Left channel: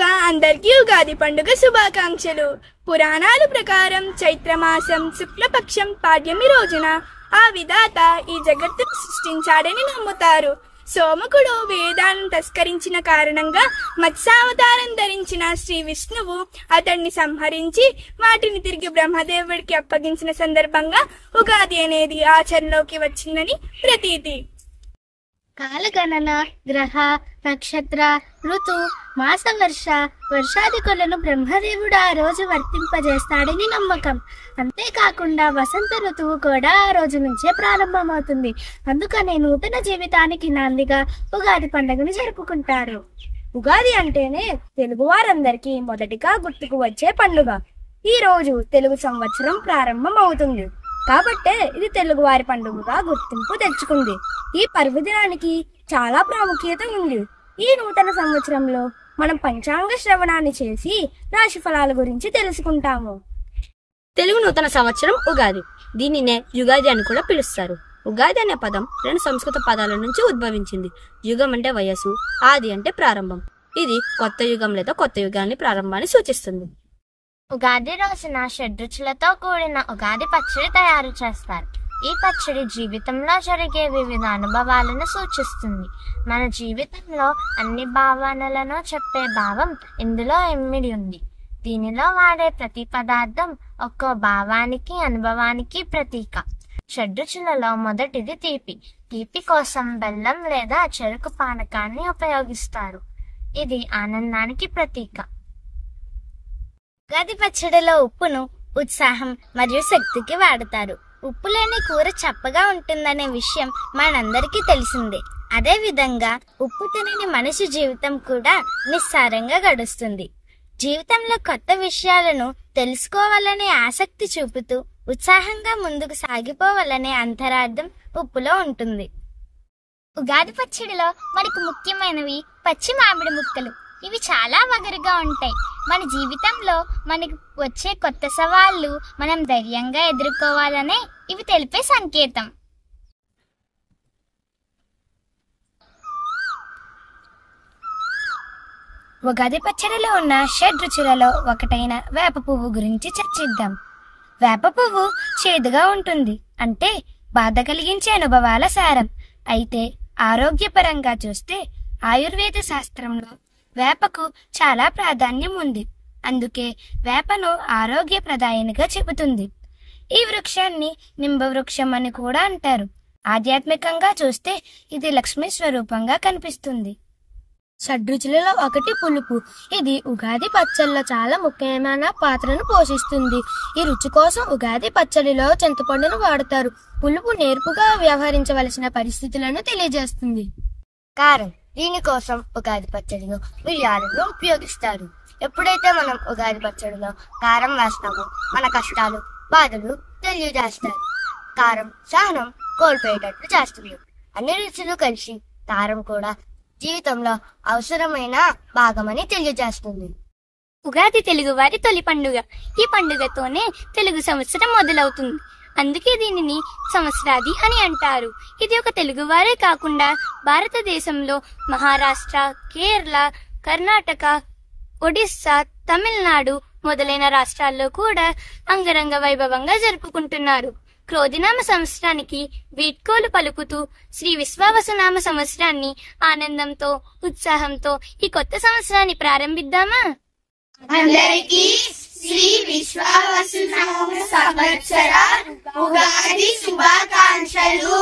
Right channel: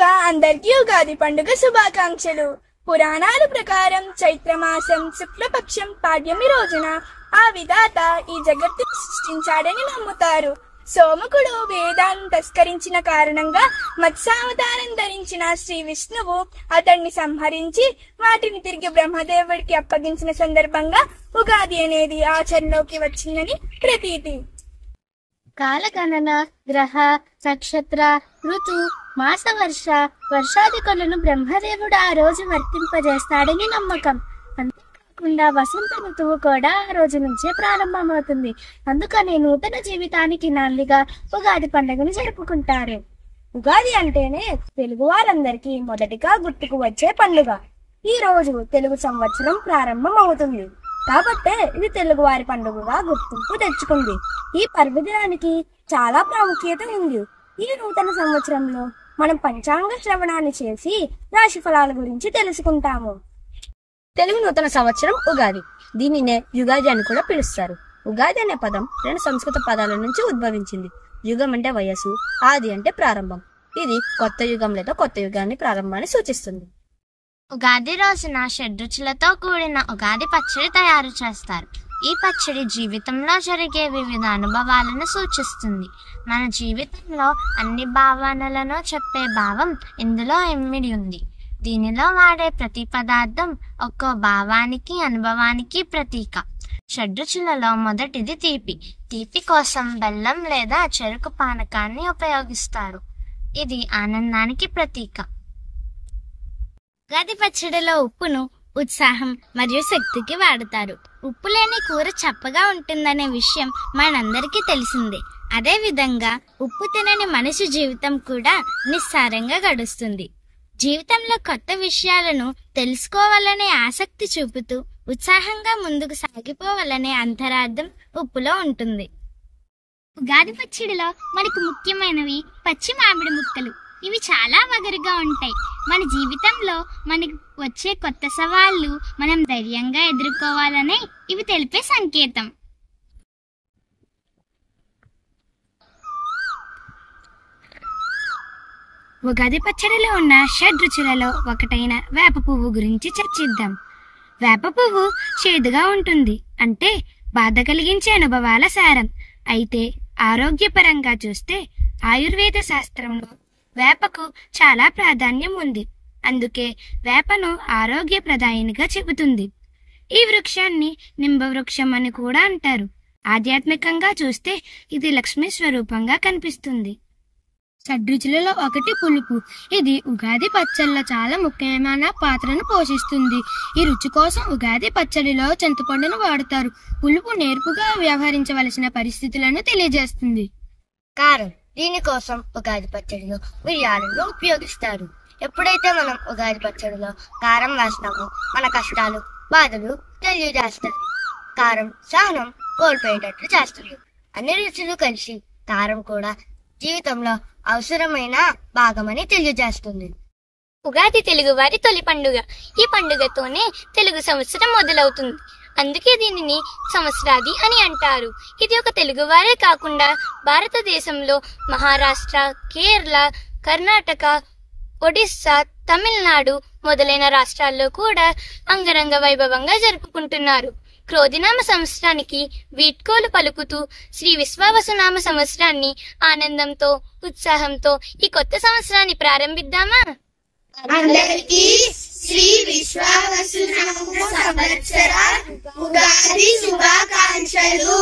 ముందుగా అందరికీ ఉగాది పండుగ శుభాకాంక్షలు. పురాణాల ప్రకారం చైత్రమాసం శుక్లపక్షం పాడ్యమి రోజున ఆ విధాత ఈ జగత్తును సృష్టించాడని నమ్ముతారు. సోమకుడు వేదాలను తస్కరించిన కారణంగా మత్స్యావతారం ధరించిన శ్రీ విష్ణువు అతన్ని సంహరించి వాటిని తిరిగి బ్రహ్మదేవుడికి అప్పగించిన సందర్భంగా ఉగాది అనేది ఆచరణలోకి వచ్చిందని ప్రతీతి. కాలగణన, గ్రహ, నక్షత్ర, ఋతు, మాస, వర్షాదికులను బ్రహ్మదేవుడు ఆ రోజు వర్తింపజేస్తాడని నమ్మకం. అంతేకాకుండా వసంత ఋతువు కూడా ఆ రోజు నుంచే ప్రారంభమవుతుంది. అందుకనే నూతన జీవితానికి నాందిగా ఉగాది పండుగను జరుపుకుంటారు. ఉగాది అంటేనే తెలుగు వారందరికీ మొదటిగా గుర్తుకు వచ్చే పండుగ. ఈ రోజు తెలుగు సంవత్సరం ప్రారంభం అవుతుంది కాబట్టే ఇది తెలుగువారి పండుగగా గుర్తింపు తెచ్చుకుంది. ఈ పర్వదినానికి చాలా ప్రాముఖ్యత ఉంది. ఈ నూతన సంవత్సరంలో మనం పంచాంగ శ్రవణాన్ని చేసి రాశి ఫలాల గురించి తెలుసుకుంటాము. తెలుగు నూతన సంవత్సరం ఉగాది. దీనినే యుగాది అని కూడా పిలుస్తారు. ఉగాది అనే పదం 2 సంస్కృత పదాల నుంచి ఉద్భవించింది. యుగం అంటే వయస్సు, ఆది అంటే ప్రారంభం. ఇది కొత్త యుగం లేదా కొత్త యుగాన్ని ప్రారంభాన్ని సూచిస్తుంది. ఉగాది రోజున షడ్రుచులతో కూడిన ఉగాది పచ్చడి తయారు చేస్తారు. ఈ పచ్చడి జీవితంలో జరిగే వివిధ అనుభవాలను సూచిస్తుంది. మన జీవితంలో అన్ని భావనలను చెప్పే భావం ఇందులో ఇమిడి ఉంది. దీనిలో వాడే ప్రతి పదార్థం ఒక్కో భావానికి, అనుభవానికి ప్రతీక. షడ్రుచులలో మొదటిది తీపి. తీపి కోసం బెల్లం లేదా చెరుకు పానకాన్ని ఉపయోగిస్తారు. ఇది ఆనందానికి ప్రతీక. ఉగాది పచ్చడిలో ఉప్పును ఉత్సాహం మరియు శక్తికి వాడతారు. ఉప్పు లేని కూర చప్పగా ఉంటుందనే విషయం మనందరికీ తెలిసిందే. అదే విధంగా ఉప్పు తినని మనిషి జీవితం కూడా నిస్సారంగా గడుస్తుంది. జీవితంలో కొత్త విషయాలను తెలుసుకోవాలనే ఆసక్తి చూపుతూ ఉత్సాహంగా ముందుకు సాగిపోవాలనే అంతరార్థం ఉప్పులో ఉంటుంది. ఉగాది పచ్చడిలో మనకు ముఖ్యమైనవి పచ్చి మామిడి ముక్కలు. ఇవి చాలా వగరుగా ఉంటాయి. మన జీవితంలో మనకు వచ్చే కొత్త సవాళ్లు మనం ధైర్యంగా ఎదుర్కోవాలనే ఇవి తెలిపే సంకేతం. ఉగాది పచ్చడిలో ఉన్న షడ్రుచులలో ఒకటైన వేప పువ్వు గురించి చర్చిద్దాం. వేప పువ్వు చేదుగా ఉంటుంది, అంటే బాధ కలిగించే అనుభవాల సారం. అయితే ఆరోగ్యపరంగా చూస్తే ఆయుర్వేద శాస్త్రంలో వేపకు చాలా ప్రాధాన్యం ఉంది. అందుకే వేపను ఆరోగ్యప్రదాయినిగా చెబుతుంది. ఈ వృక్షాన్ని నింబ వృక్షం అని కూడా అంటారు. ఆధ్యాత్మికంగా చూస్తే ఇది లక్ష్మీ స్వరూపంగా కనిపిస్తుంది. షడ్రుచులలో ఒకటి పులుపు. ఇది ఉగాది పచ్చడిలో చాలా ముఖ్యమైన పాత్రను పోషిస్తుంది. ఈ రుచి కోసం ఉగాది పచ్చడిలో చింతపండును వాడతారు. పులుపు నేర్పుగా వ్యవహరించవలసిన పరిస్థితులను తెలియజేస్తుంది. కారం. దీనికోసం ఉగాది పచ్చడిలో మిరియాలను ఉపయోగిస్తారు. ఎప్పుడైతే మనం ఉగాది పచ్చడిలో కారం వేస్తామో మన కష్టాలు, బాధలు తెలియజేస్తారు. కారం సహనం కోల్పోయేటట్లు చేస్తుంది. అన్ని రుచులు కలిసి కారం కూడా జీవితంలో అవసరమైన భాగమని తెలియజేస్తుంది. ఉగాది తెలుగువారి తొలి పండుగ. ఈ పండుగతోనే తెలుగు సంవత్సరం మొదలవుతుంది. అందుకే దీనిని సంవత్సరాది అని అంటారు. ఇది ఒక తెలుగువారే కాకుండా భారతదేశంలో మహారాష్ట్ర, కేరళ, కర్ణాటక, ఒడిస్సా, తమిళనాడు మొదలైన రాష్ట్రాల్లో కూడా అంగరంగ వైభవంగా జరుపుకుంటున్నారు. క్రోధినామ సంవత్సరానికి వీడ్కోలు పలుకుతూ శ్రీ విశ్వావసునామ సంవత్సరాన్ని ఆనందంతో, ఉత్సాహంతో ఈ కొత్త సంవత్సరాన్ని ప్రారంభిద్దామా? అందరికీ శ్రీ విశ్వావసునామ సంవత్సర ఉగాది శుభాకాంక్షలు.